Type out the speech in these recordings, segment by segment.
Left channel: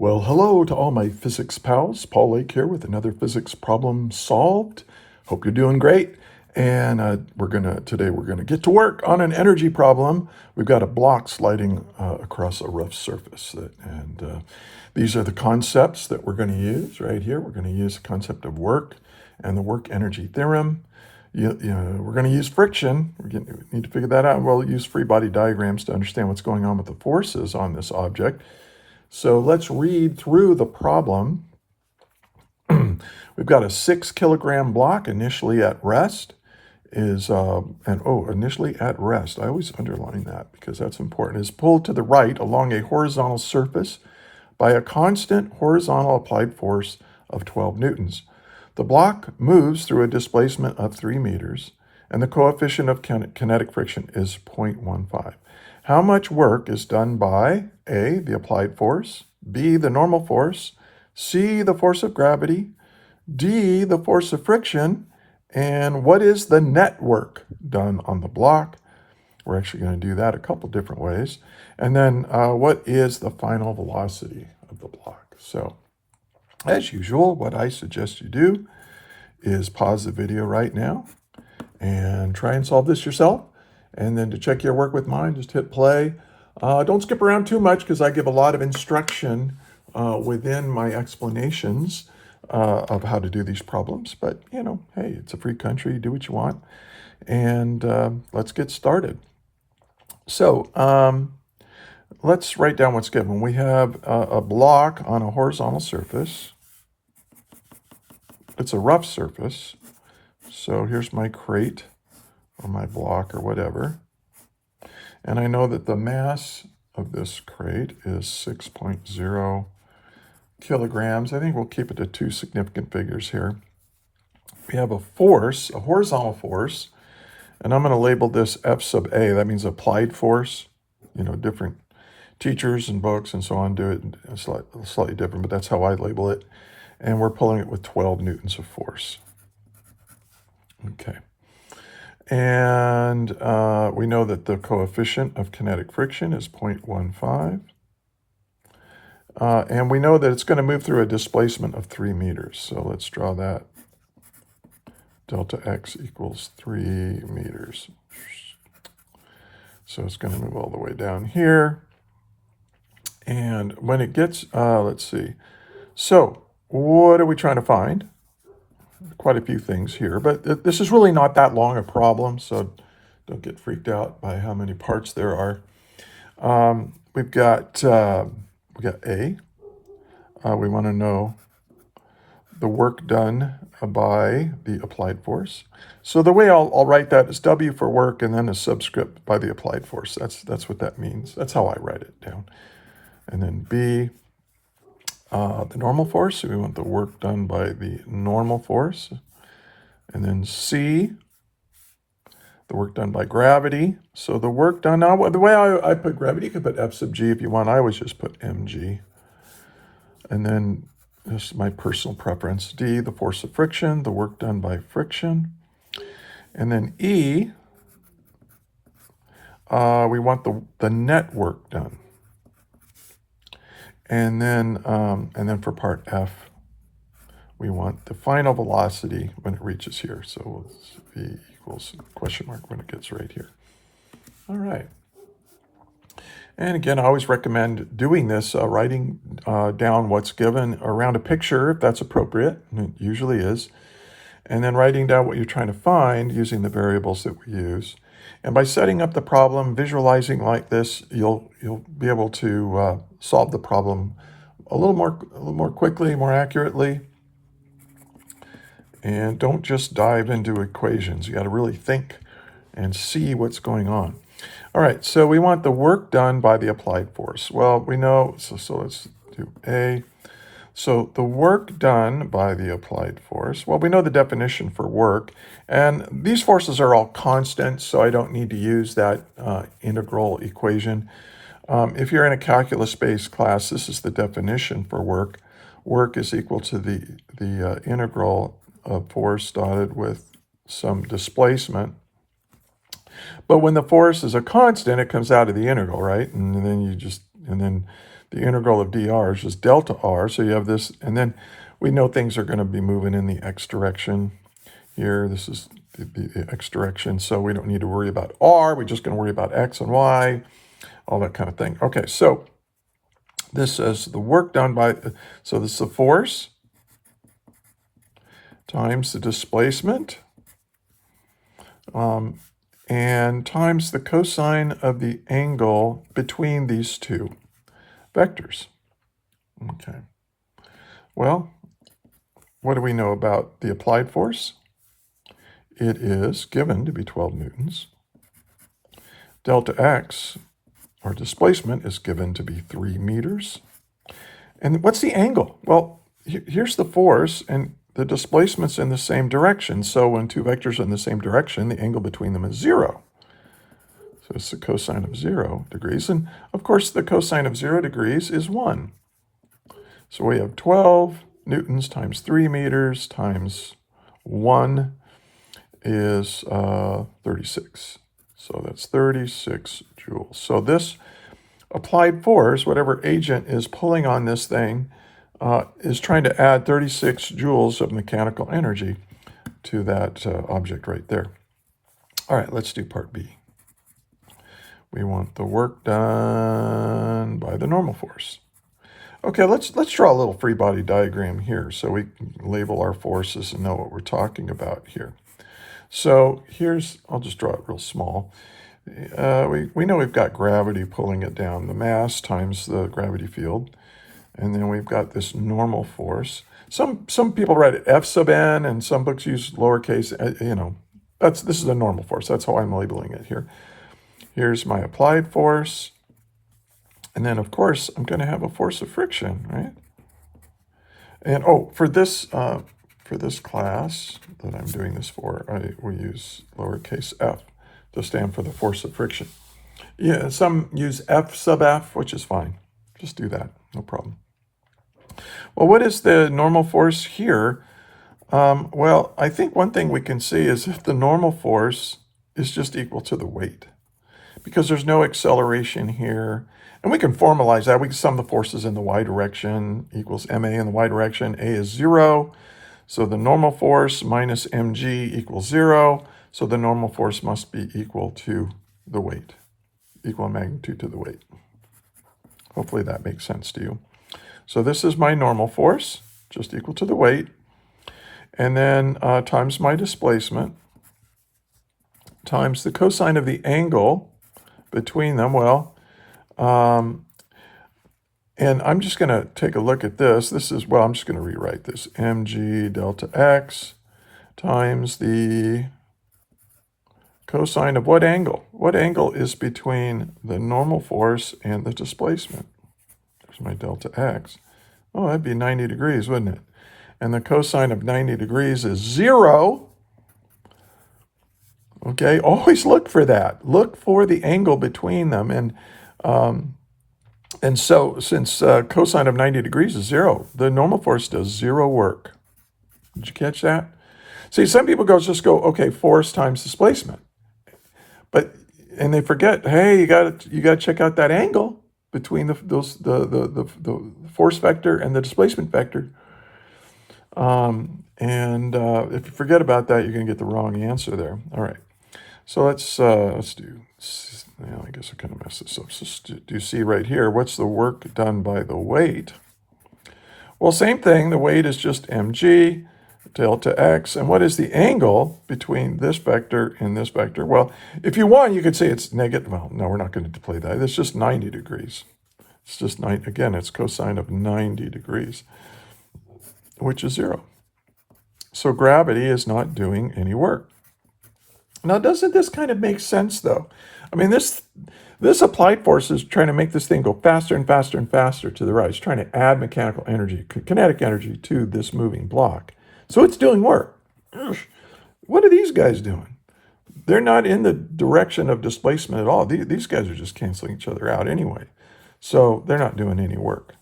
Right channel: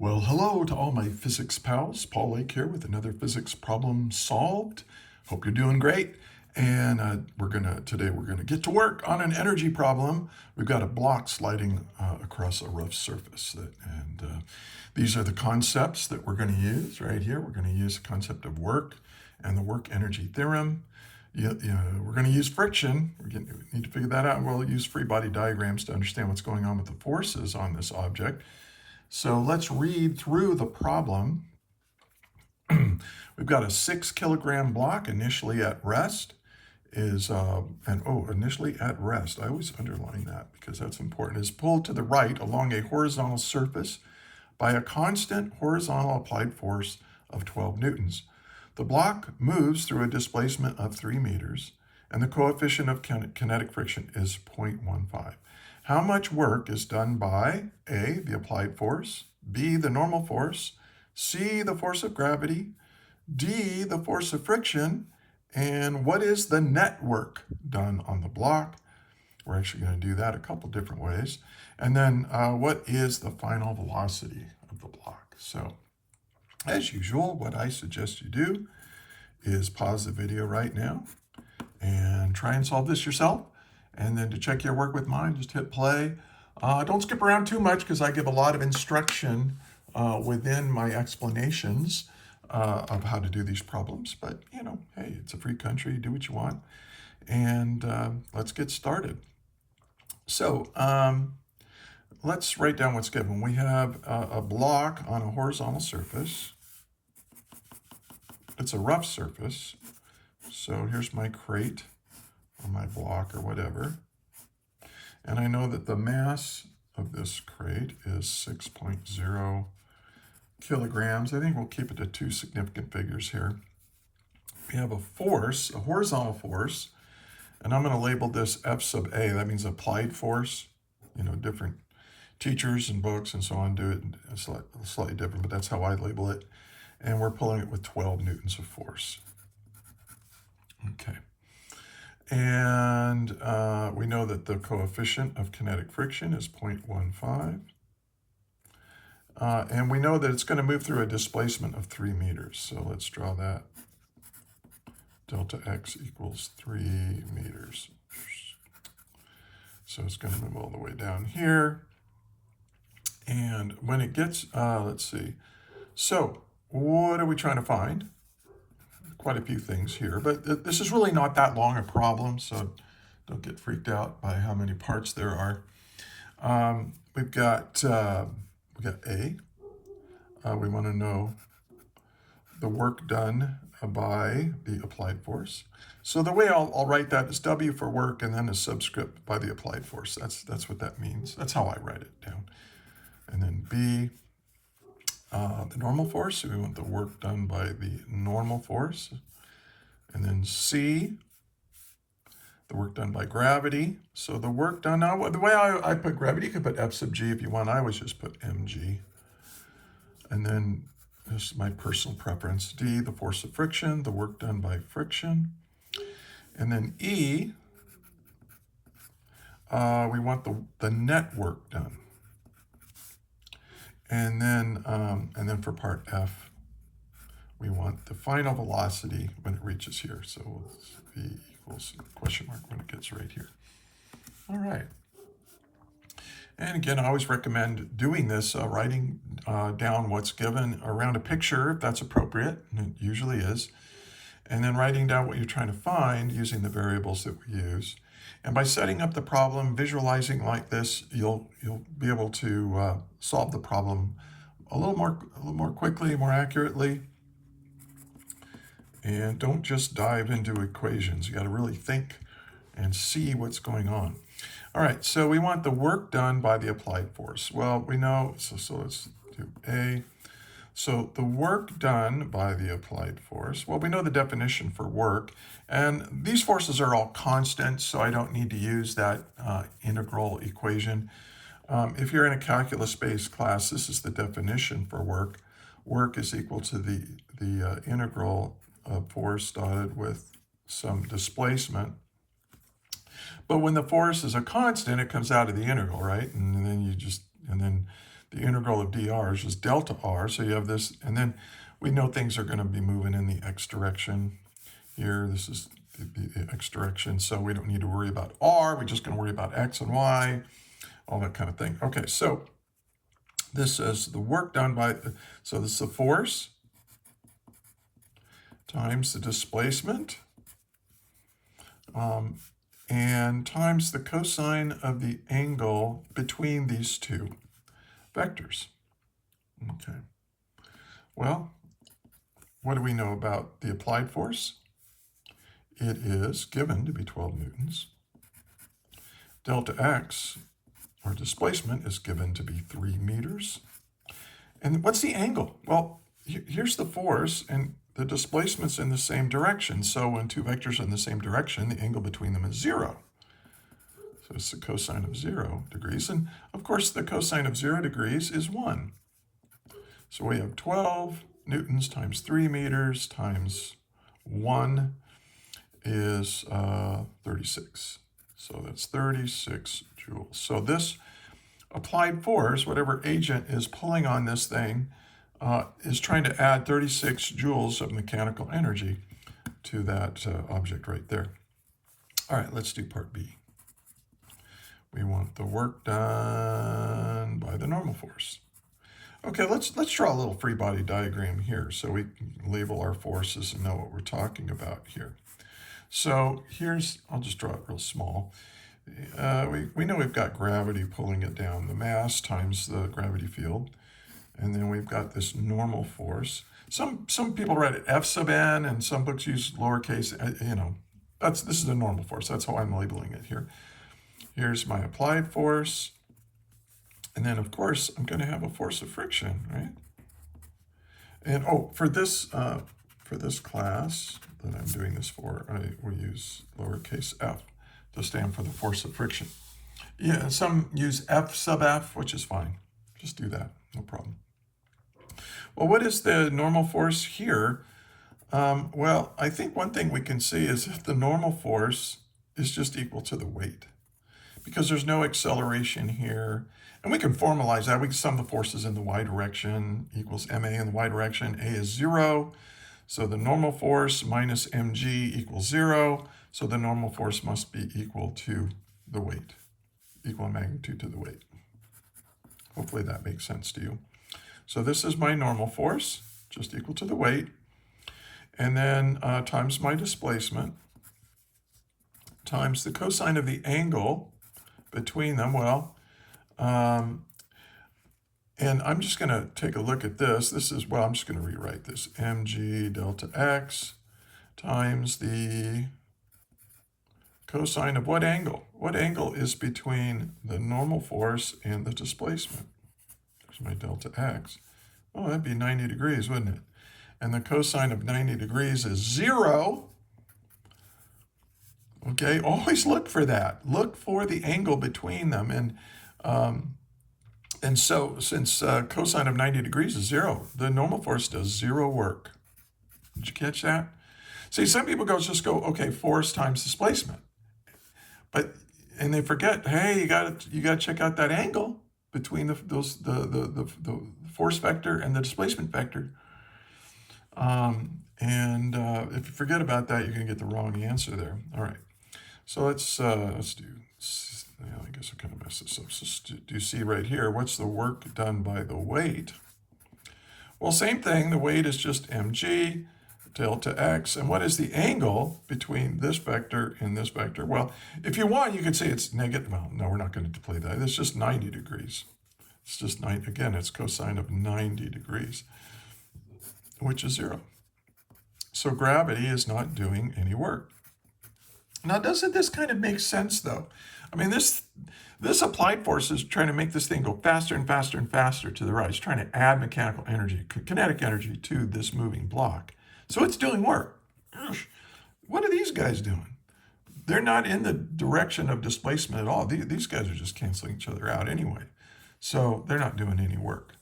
Well, hello to all my physics pals. Paul Lake here with another physics problem solved. Hope you're doing great. And today we're gonna get to work on an energy problem. We've got a block sliding across a rough surface, these are the concepts that we're going to use right here. We're going to use the concept of work and the work energy theorem. We're going to use friction. We need to figure that out. We'll use free body diagrams to understand what's going on with the forces on this object. So let's read through the problem. We've got a 6 kilogram block initially at rest initially at rest. I always underline that because that's important. Is pulled to the right along a horizontal surface by a constant horizontal applied force of 12 newtons. The block moves through a displacement of 3 meters, and the coefficient of kinetic friction is 0.15. How much work is done by A, the applied force, B, the normal force, C, the force of gravity, D, the force of friction, and what is the net work done on the block? We're actually going to do that a couple different ways. And then what is the final velocity of the block? So as usual, what I suggest you do is pause the video right now and try and solve this yourself. And then to check your work with mine, just hit play. Don't skip around too much because I give a lot of instruction within my explanations of how to do these problems. But, hey, it's a free country. Do what you want. And let's get started. So let's write down what's given. We have a block on a horizontal surface. It's a rough surface. So here's my crate or my block or whatever. And I know that the mass of this crate is 6.0 kilograms. I think we'll keep it to 2 significant figures here. We have a force, a horizontal force, and I'm going to label this F sub A. That means applied force. Different teachers and books and so on do it slightly different, but that's how I label it. And we're pulling it with 12 newtons of force. Okay. And we know that the coefficient of kinetic friction is 0.15. And we know that it's going to move through a displacement of 3 meters. So let's draw that. Delta x equals 3 meters. So it's going to move all the way down here. And when it gets, let's see. So what are we trying to find? Quite a few things here, but this is really not that long a problem, so don't get freaked out by how many parts there are. We've got A. We want to know the work done by the applied force. So the way I'll write that is W for work and then a subscript by the applied force. That's what that means. That's how I write it down. And then B, the normal force. So we want the work done by the normal force. And then C, the work done by gravity. So the work done, now the way I put gravity, you could put F sub G if you want. I always just put mg. And then this is my personal preference. D, the force of friction, the work done by friction. And then E, we want the net work done. And then for part F, we want the final velocity when it reaches here. So V equals question mark when it gets right here. All right. And again, I always recommend doing this, writing down what's given around a picture, if that's appropriate, and it usually is. And then writing down what you're trying to find using the variables that we use. And by setting up the problem, visualizing like this, you'll be able to solve the problem a little more quickly, more accurately. And don't just dive into equations. You got to really think and see what's going on. All right, so we want the work done by the applied force. Well, we know, so let's do A. So the work done by the applied force, well, we know the definition for work, and these forces are all constant, so I don't need to use that integral equation. If you're in a calculus-based class, this is the definition for work. Work is equal to the integral of force dotted with some displacement. But when the force is a constant, it comes out of the integral, right? And then the integral of dr is just delta r. So you have this, and then we know things are going to be moving in the x direction here. This is the x direction, so we don't need to worry about r. We're just going to worry about x and y, all that kind of thing. Okay, so this is the work done by, so this is the force times the displacement, and times the cosine of the angle between these two vectors. Okay. Well, what do we know about the applied force? It is given to be 12 newtons. Delta x, or displacement, is given to be 3 meters. And what's the angle? Well, here's the force, and the displacement's in the same direction. So when two vectors are in the same direction, the angle between them is 0. So it's the cosine of 0 degrees. And of course, the cosine of 0 degrees is 1. So we have 12 newtons times 3 meters times 1 is 36. So that's 36 joules. So this applied force, whatever agent is pulling on this thing, is trying to add 36 joules of mechanical energy to that object right there. All right, let's do part B. We want the work done by the normal force. Okay, let's draw a little free body diagram here so we can label our forces and know what we're talking about here. So here's, I'll just draw it real small. We know we've got gravity pulling it down, the mass times the gravity field. And then we've got this normal force. Some people write it F sub n, and some books use lowercase, this is a normal force. That's how I'm labeling it here. Here's my applied force. And then, of course, I'm going to have a force of friction, right? And, for this class that I'm doing this for, we use lowercase f to stand for the force of friction. Yeah, some use F sub f, which is fine. Just do that, no problem. Well, what is the normal force here? Well, I think one thing we can see is if the normal force is just equal to the weight, because there's no acceleration here. And we can formalize that. We can sum the forces in the y direction equals ma in the y direction. A is 0. So the normal force minus mg equals 0. So the normal force must be equal to the weight, equal in magnitude to the weight. Hopefully that makes sense to you. So this is my normal force, just equal to the weight. And then times my displacement, times the cosine of the angle between them. Well, and I'm just going to take a look at this. This is, well, I'm just going to rewrite this. mg delta x times the cosine of what angle? What angle is between the normal force and the displacement? There's my delta x. Oh, that'd be 90 degrees, wouldn't it? And the cosine of 90 degrees is 0. Okay, always look for that. Look for the angle between them. And so since cosine of 90 degrees is 0, the normal force does 0 work. Did you catch that? See, some people just go, okay, force times displacement. And they forget, hey, you got to check out that angle between the force vector and the displacement vector. If you forget about that, you're going to get the wrong answer there. All right. So let's do, well, I guess I kind of messed this up. So do you see right here, what's the work done by the weight? Well, same thing. The weight is just mg delta x. And what is the angle between this vector and this vector? Well, if you want, you could say it's negative. Well, no, we're not going to play that. It's just 90 degrees. It's just, again, it's cosine of 90 degrees, which is 0. So gravity is not doing any work. Now, doesn't this kind of make sense, though? I mean, this applied force is trying to make this thing go faster and faster and faster to the right. It's trying to add mechanical energy, kinetic energy to this moving block. So it's doing work. What are these guys doing? They're not in the direction of displacement at all. These guys are just canceling each other out anyway. So they're not doing any work.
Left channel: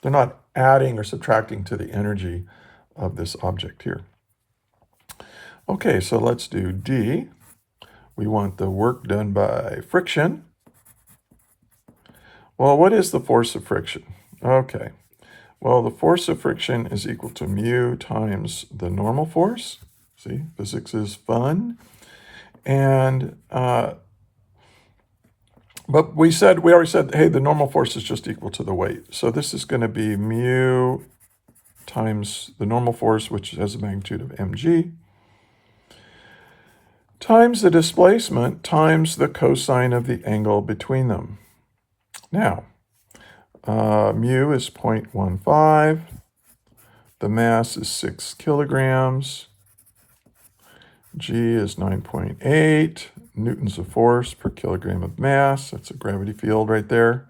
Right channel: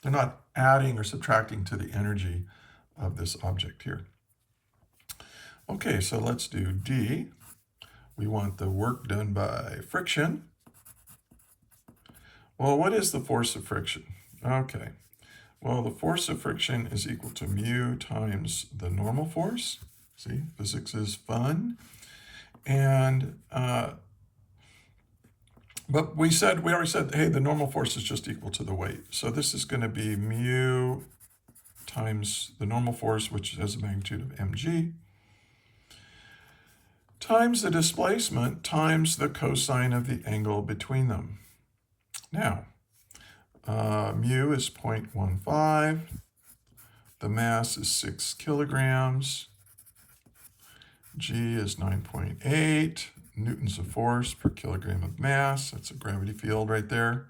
They're not adding or subtracting to the energy of this object here. Okay, so let's do D. We want the work done by friction. Well, what is the force of friction? Okay. Well, the force of friction is equal to mu times the normal force. See, physics is fun. And, but we already said, hey, the normal force is just equal to the weight. So this is going to be mu times the normal force, which has a magnitude of mg, times the displacement times the cosine of the angle between them. Now, mu is 0.15. The mass is 6 kilograms. G is 9.8 newtons of force per kilogram of mass. That's a gravity field right there.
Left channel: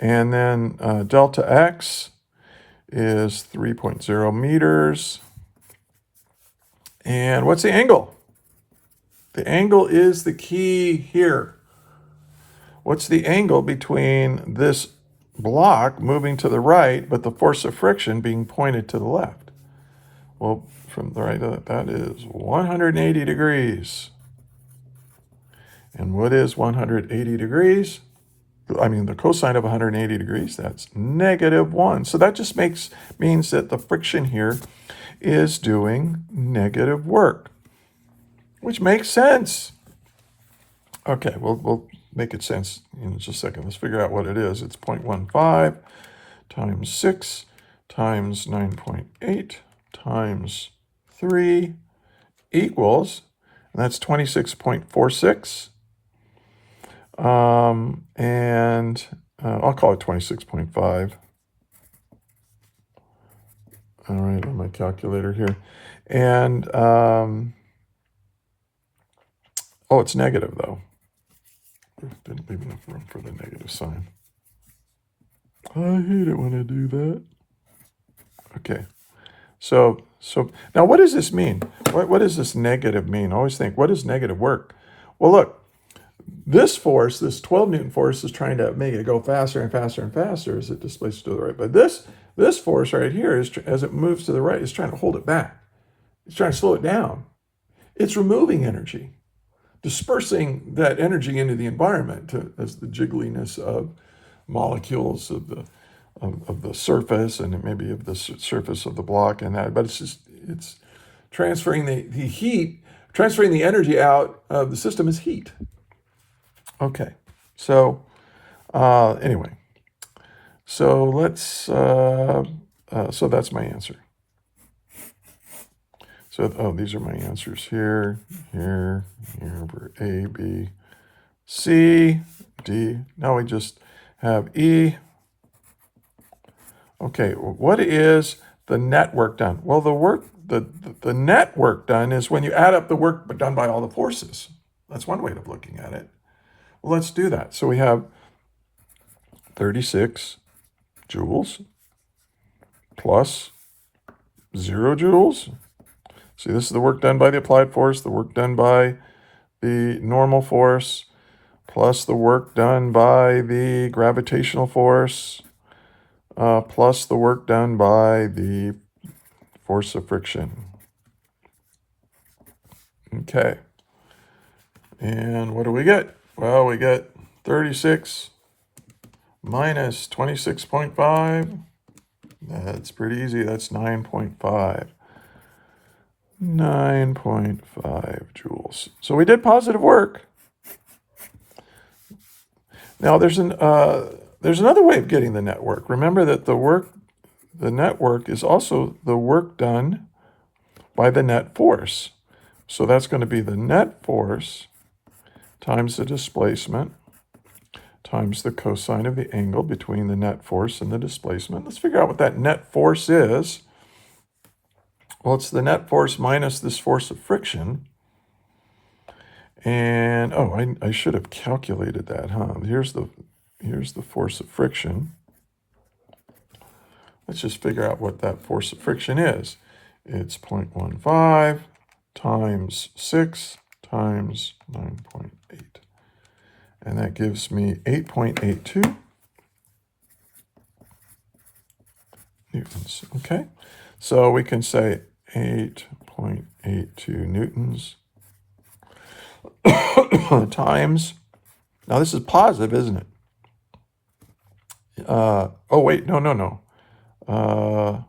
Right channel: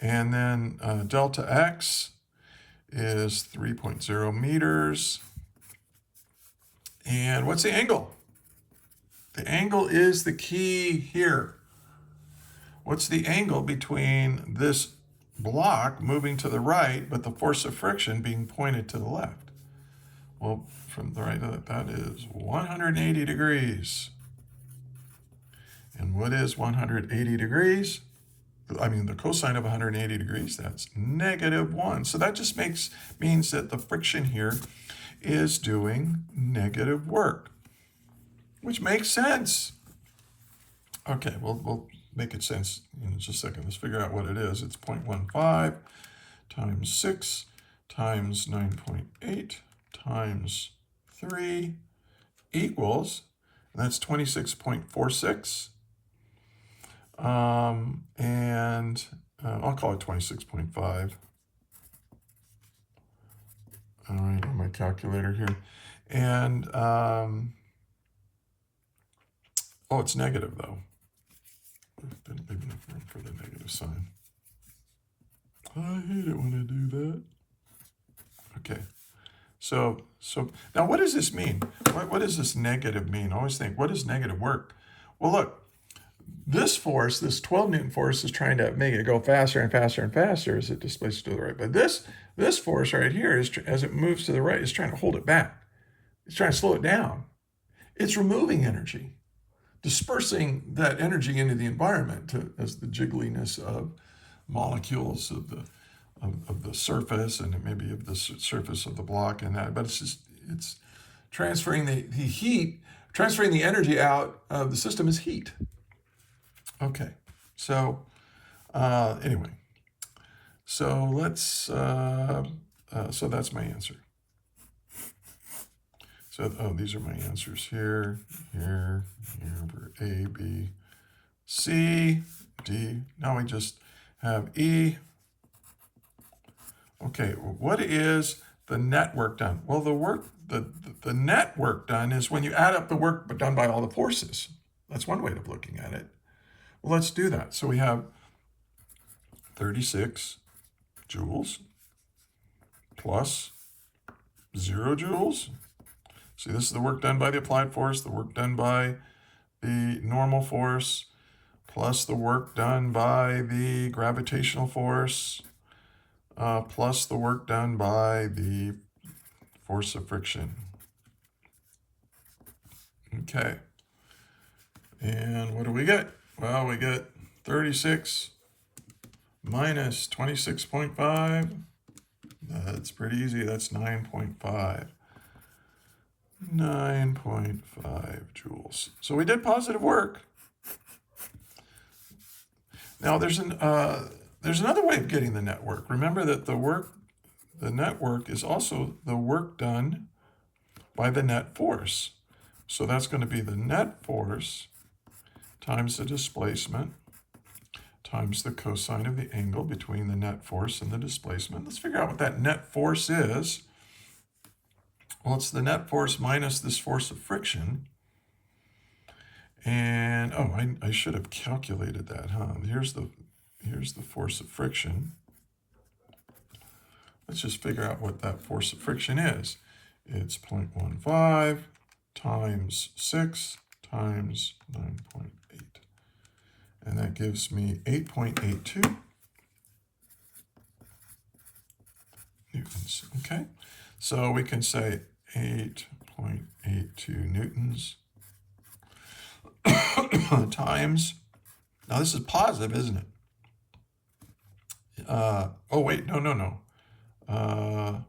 And then delta X is 3.0 meters. And what's the angle? The angle is the key here. What's the angle between this block moving to the right, but the force of friction being pointed to the left? Well, from the right, that is 180 degrees. And what is 180 degrees? I mean, the cosine of 180 degrees, that's -1. So that just means that the friction here is doing negative work, which makes sense. Okay, we'll make it sense in just a second. Let's figure out what it is. It's 0.15 times 6 times 9.8 times 3 equals, and that's 26.46. I'll call it 26.5. All right, on my calculator here. And, oh, it's negative though. Didn't leave enough room for the negative sign. I hate it when I do that. Okay. So now what does this mean? What does this negative mean? I always think, what does negative work? Well, look, this force, this 12 Newton force, is trying to make it go faster and faster and faster as it displaces to the right. But this force right here, is as it moves to the right, is trying to hold it back. It's trying to slow it down. It's removing energy, dispersing that energy into the environment as the jiggliness of molecules of the surface and maybe of the surface of the block and that. But it's transferring the heat, transferring the energy out of the system is heat. Okay, so anyway, so let's, so that's my answer. So, these are my answers here, for A, B, C, D. Now we just have E. Okay, what is the net work done? Well, the net work done is when you add up the work done by all the forces. That's one way of looking at it. Well, let's do that. So we have 36 joules plus 0 joules. See, this is the work done by the applied force, the work done by the normal force, plus the work done by the gravitational force, plus the work done by the force of friction. Okay. And what do we get? Well, we get 36 minus 26.5. That's pretty easy. That's 9.5. 9.5 joules. So we did positive work. Now there's another way of getting the net work. Remember that the net work is also the work done by the net force. So that's going to be the net force times the displacement times the cosine of the angle between the net force and the displacement. Let's figure out what that net force is. Well, it's the net force minus this force of friction. And, oh, I should have calculated that, huh? Here's the force of friction. Let's just figure out what that force of friction is. It's 0.15 times 6 times 9.8. And that gives me 8.82 newtons. Okay, so we can say 8.82 newtons times, now this is positive, isn't it? oh, wait, no. Oh,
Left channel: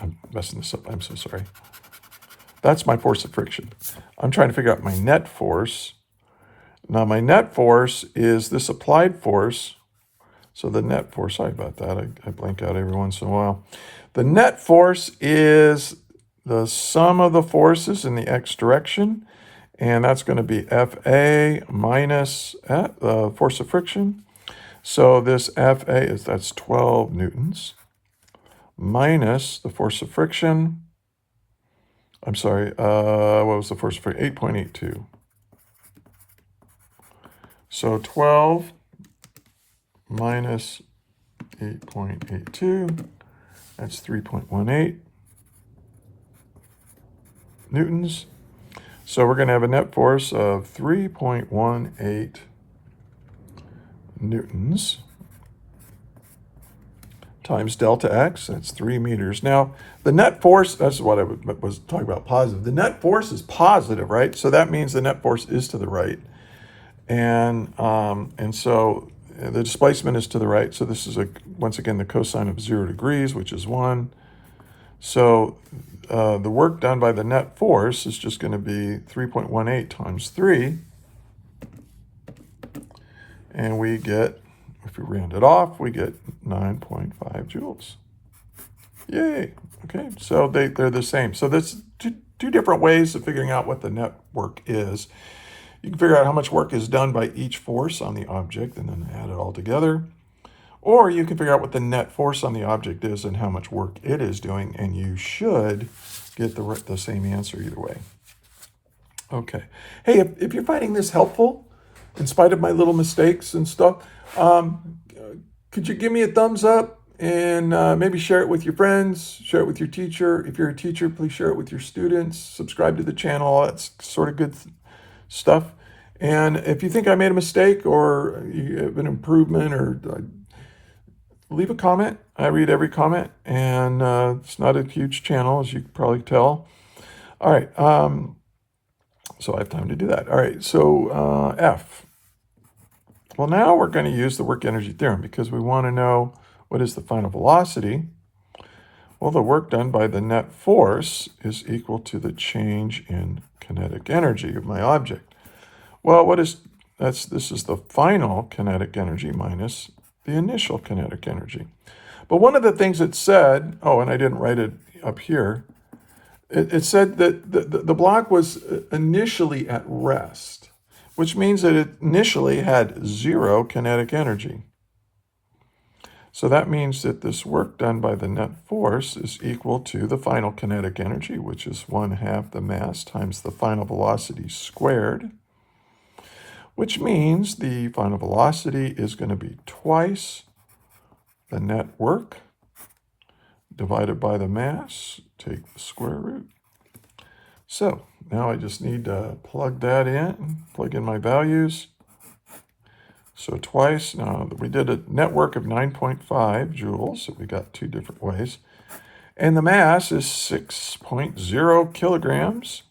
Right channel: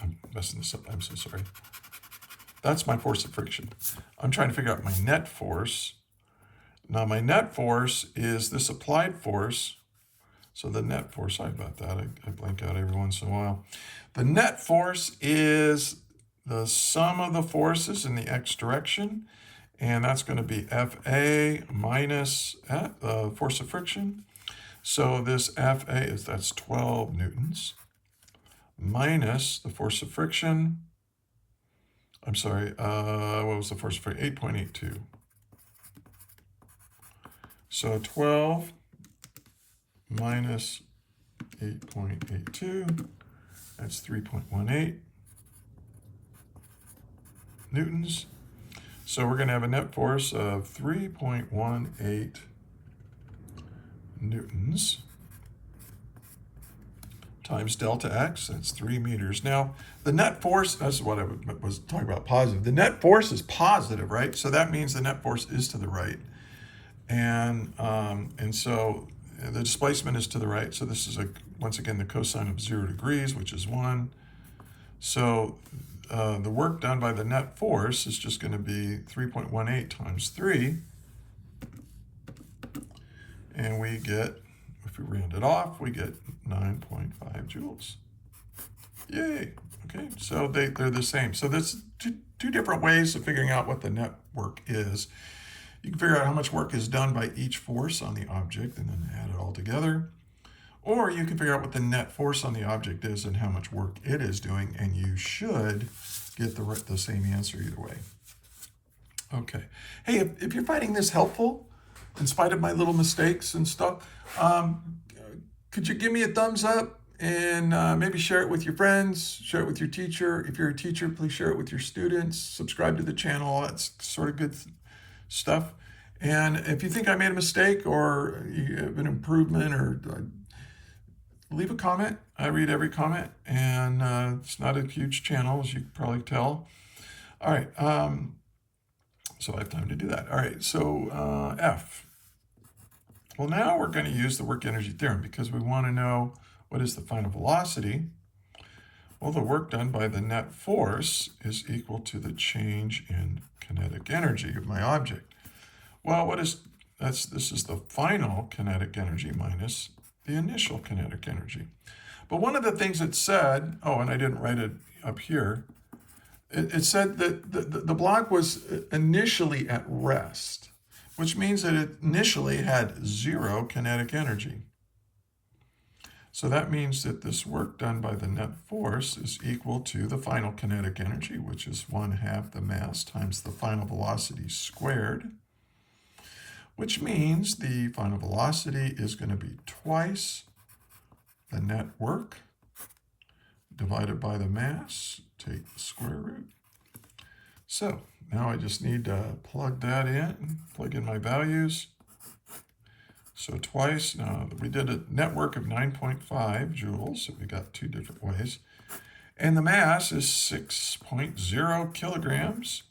I'm messing this up. I'm so sorry. That's my force of friction. I'm trying to figure out my net force. Now, my net force is this applied force. So the net force, sorry about that. I blank out every once in a while. The net force is the sum of the forces in the x direction. And that's going to be Fa minus force of friction. So this Fa that's 12 newtons minus the force of friction. I'm sorry, what was the force of friction? 8.82. So 12 minus 8.82, that's 3.18 newtons. So we're going to have a net force of 3.18 newtons times delta x, that's 3 meters. Now, the net force, that's what I was talking about, positive. The net force is positive, right? So that means the net force is to the right. And so the displacement is to the right. So this is, once again, the cosine of 0 degrees, which is 1. So the work done by the net force is just going to be 3.18 times 3. And we get, if we round it off, we get 9.5 joules. Yay. Okay, so they're the same. So there's two different ways of figuring out what the net work is. You can figure out how much work is done by each force on the object and then add it all together. Or you can figure out what the net force on the object is and how much work it is doing, and you should get the same answer either way. Okay. Hey, if you're finding this helpful, in spite of my little mistakes and stuff, could you give me a thumbs up and maybe share it with your friends, share it with your teacher. If you're a teacher, please share it with your students, subscribe to the channel. That's sort of good stuff. And if you think I made a mistake or you have an improvement, or leave a comment. I read every comment, and it's not a huge channel, as you can probably tell. All right, so I have time to do that. All right, so F. Well, now we're going to use the work energy theorem because we want to know what is the final velocity. Well, the work done by the net force is equal to the change in kinetic energy of my object. Well, this is the final kinetic energy minus the initial kinetic energy. But one of the things it said, oh, and I didn't write it up here, it said that the block was initially at rest, which means that it initially had 0 kinetic energy. So that means that this work done by the net force is equal to the final kinetic energy, which is 1/2 the mass times the final velocity squared, which means the final velocity is going to be twice the net work divided by the mass, take the square root. So now I just need to plug that in, plug in my values. So twice, now we did a net work of 9.5 joules, so we got 2 different ways. And the mass is 6.0 kilograms.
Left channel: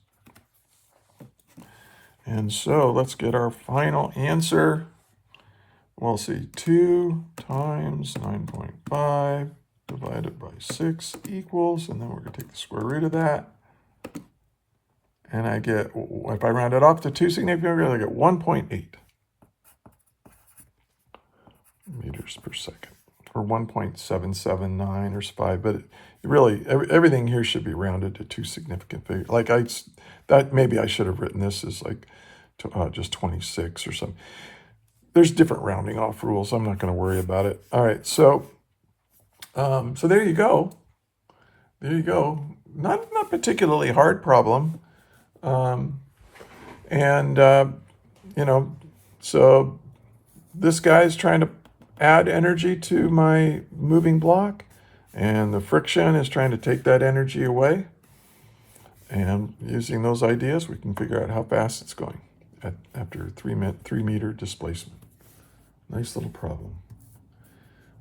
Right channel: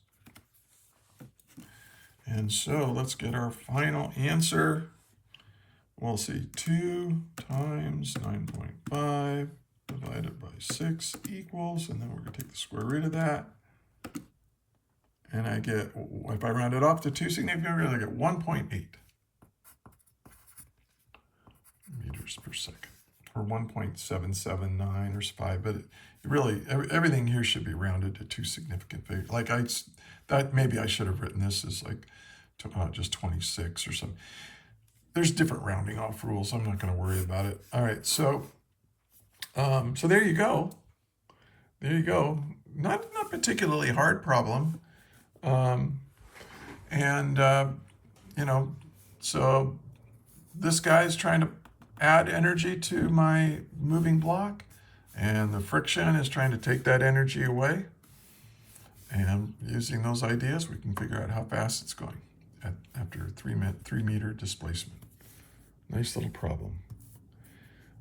And so let's get our final answer. We'll see 2 times 9.5 divided by 6 equals, and then we're going to take the square root of that. And I get, if I round it off to 2 significant figures, I get 1.8 meters per second, or 1.779 or 5. But really, everything here should be rounded to 2 significant figures. Like maybe I should have written this as like just 26 or something. There's different rounding off rules. I'm not going to worry about it. All right, so there you go. There you go. Not particularly hard problem. So this guy is trying to add energy to my moving block, and the friction is trying to take that energy away. And using those ideas, we can figure out how fast it's going after 3 meter displacement. Nice little problem.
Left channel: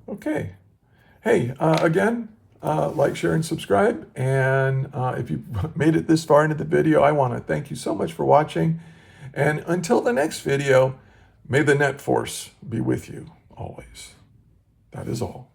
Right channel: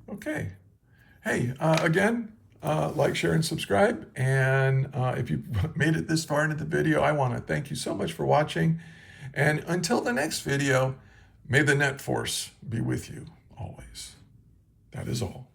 Okay. Hey, again, like, share, and subscribe. And if you made it this far into the video, I want to thank you so much for watching. And until the next video, may the net force be with you. always. That is all.